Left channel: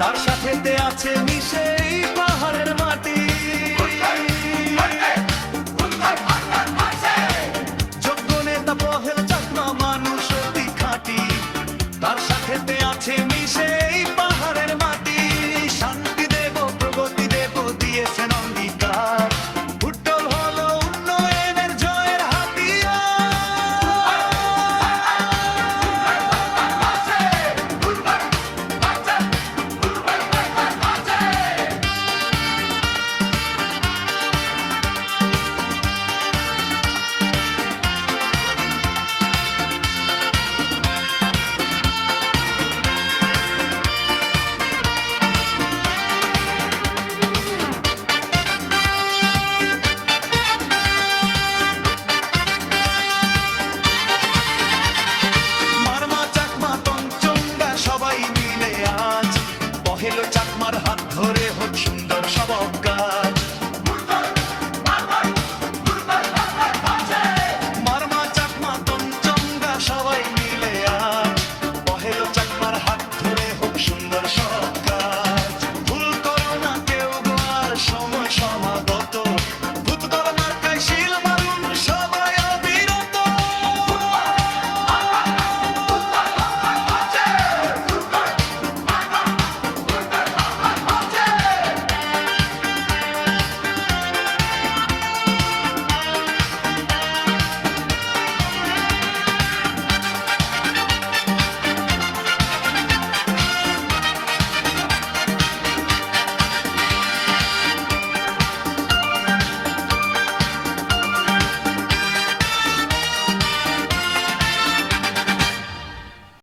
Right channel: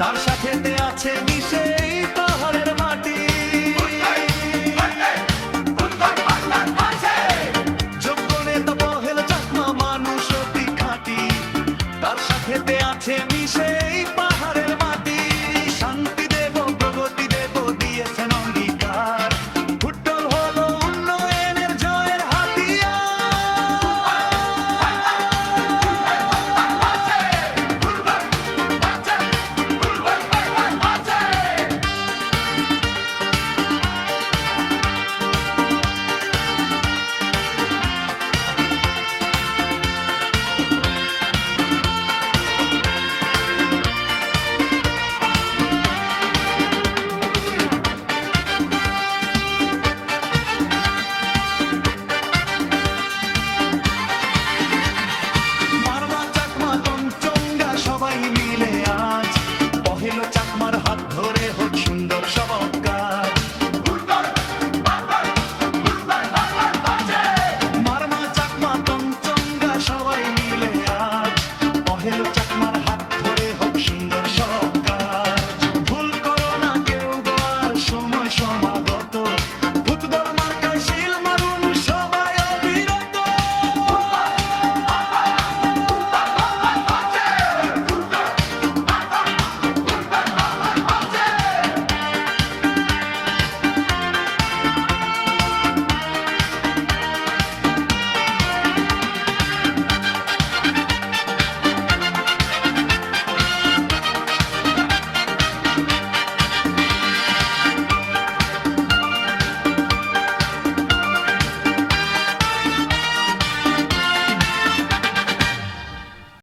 তার সাথেতে আছে মিশে এই পাহাড়ের মাটি। যোগ্য নেতা পহেল চাকমা মানুষ অতি খাঁটি, তার সাথেতে আছে মিশে এই পাহাড়ের মাটি। শান্তি দেব প্রগতি দেব দিয়েছেন অঙ্গীকার, ভুট্টল হলো উন্নয়নের জয়ের হাতিয়ার। সবাই মিলে আজ পহেল চাকমার হাত ধরে